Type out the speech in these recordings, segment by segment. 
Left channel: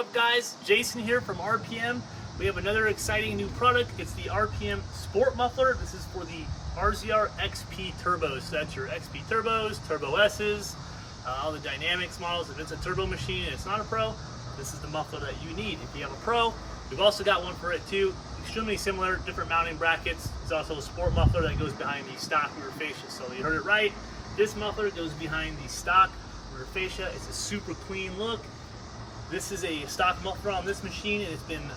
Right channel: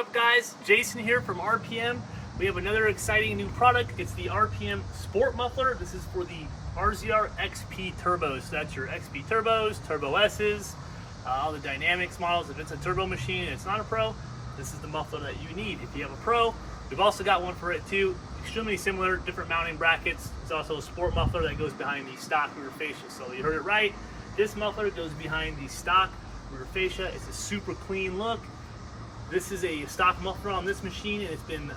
up, guys? Jason here from RPM. We have another exciting new product. It's the RPM Sport Muffler. This is for the RZR XP turbos. So that's your XP turbos, Turbo S's, all the Dynamics models. If it's a turbo machine and it's not a pro, this is the muffler that you need. If you have a pro, we've also got one for it too. Extremely similar, different mounting brackets. There's also a sport muffler that goes behind the stock rear fascia. So you heard it right. This muffler goes behind the stock rear fascia. It's a super clean look. This is a stock muffler on this machine, and it's been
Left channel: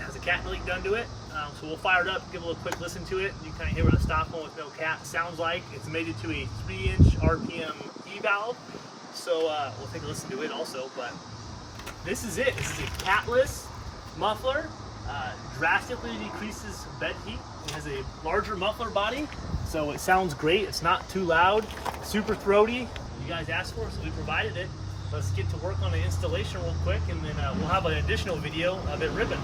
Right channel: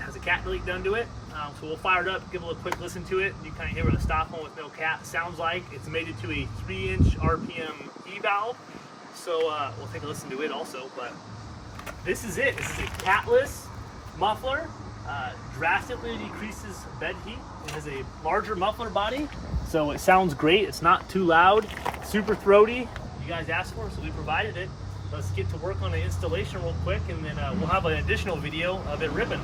has a cat leak done to it. So we'll fire it up, give a little quick listen to it. You kind of hear what a stock one with no cat sounds like. It's mated to a 3-inch RPM E valve. So we'll take a listen to it also. But this is it. This is a catless muffler. Drastically decreases bed heat. It has a larger muffler body, so it sounds great. It's not too loud, super throaty. You guys asked for it, so we provided it. Let's get to work on the installation real quick, and then we'll have an additional video of it ripping.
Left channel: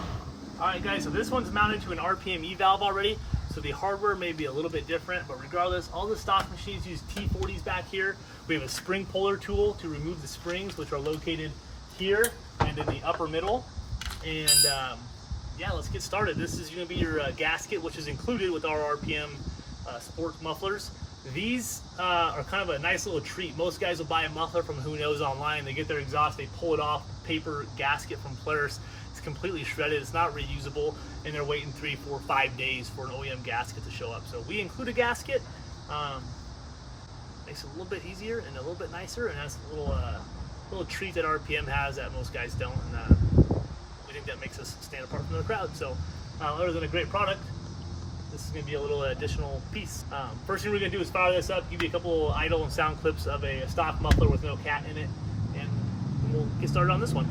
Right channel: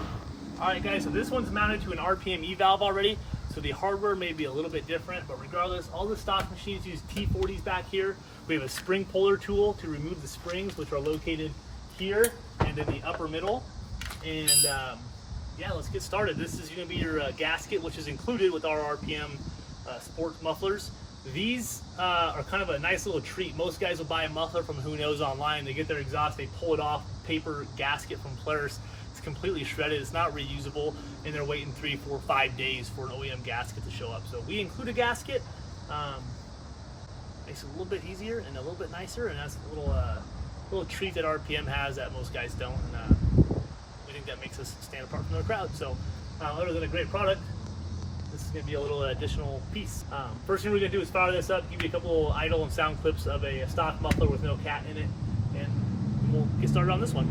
All right, guys, so this one's mounted to an RPM E valve already, so the hardware may be a little bit different, but regardless, all the stock machines use T40s back here. We have a spring puller tool to remove the springs, which are located here and in the upper middle. And yeah, let's get started. This is going to be your gasket, which is included with our RPM sports mufflers. These are kind of a nice little treat. Most guys will buy a muffler from who knows online. They get their exhaust, they pull it off, paper gasket from Polaris. It's completely shredded, it's not reusable, and they're waiting 3, 4, 5 days for an OEM gasket to show up. So we include a gasket. Makes it a little bit easier and a little bit nicer, and that's a little treat that RPM has that most guys don't. And we think that makes us stand apart from the crowd. So other than a great product, this is going to be a little additional piece. First thing we're going to do is fire this up, give you a couple idle and sound clips of a stock muffler with no cat in it, and we'll get started on this one.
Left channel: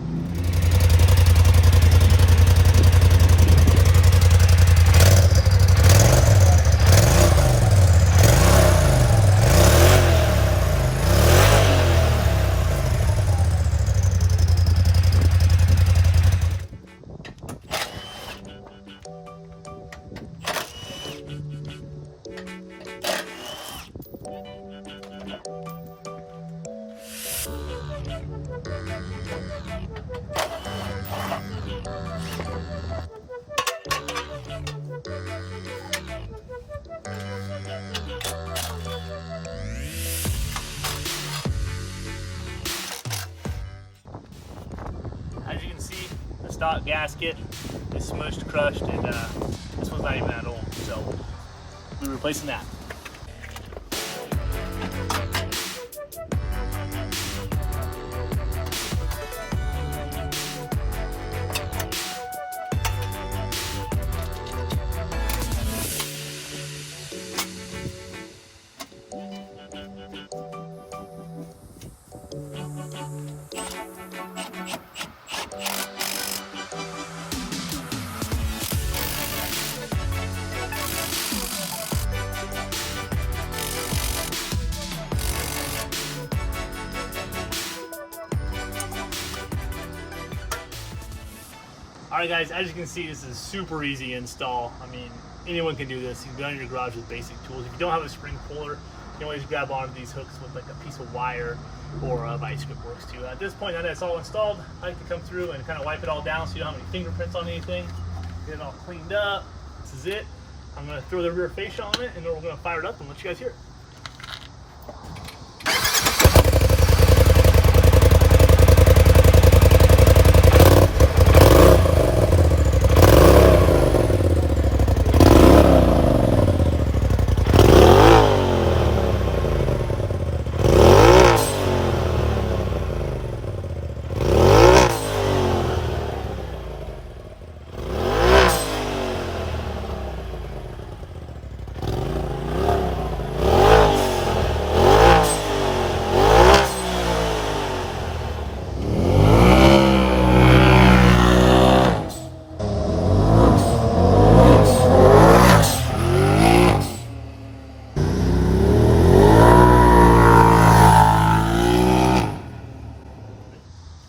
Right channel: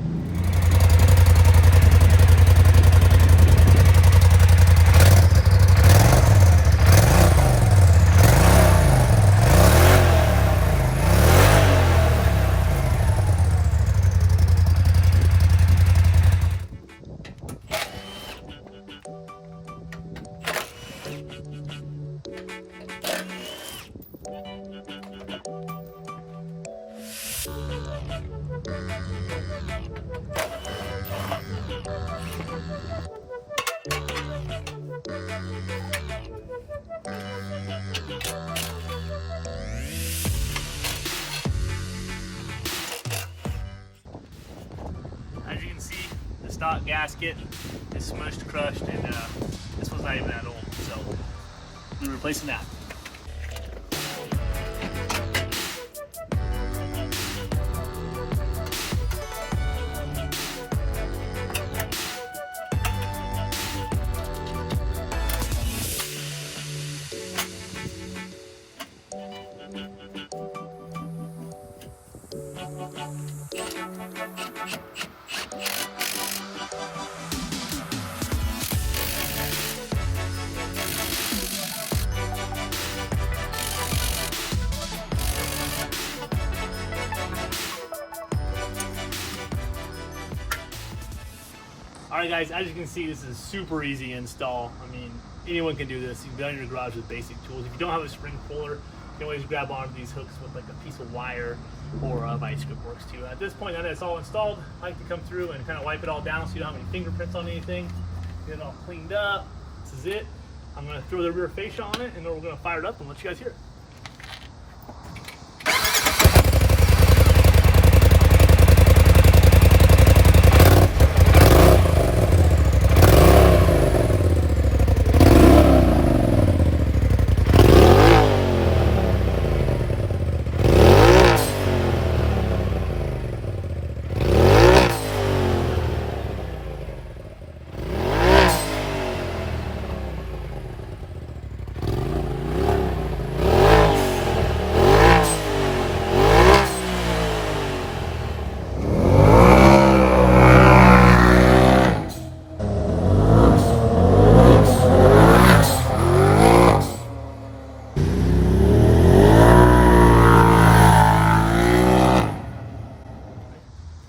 As you can see, the stock gasket is smushed, crushed, and this one's not even that old, so we're replacing that. Alright guys, as you can see, this is super easy install. I mean, anyone can do this. You can be on your garage with basic tools. If you don't have a spring puller, you can always grab onto these hooks with like a piece of wire, or a vice grip works too. At this point, now that it's all installed, I like to come through and kind of wipe it all down so you don't have any fingerprints on anything. Get it all cleaned up. This is it. I'm going to throw the rear fascia on it, and then we're going to fire it up and let you guys hear it.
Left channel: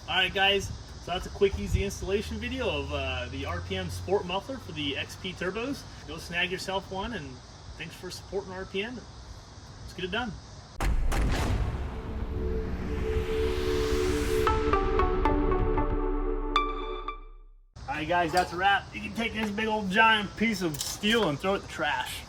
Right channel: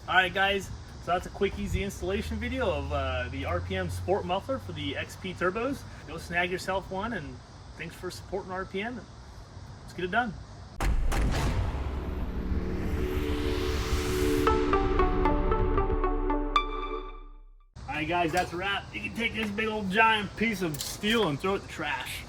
Alright guys, so that's a quick easy installation video of the RPM Sport Muffler for the XP turbos. Go snag yourself one, and thanks for supporting RPM. Let's get it done. Alright guys, that's a wrap. You can take this big old giant piece of steel and throw it in the trash.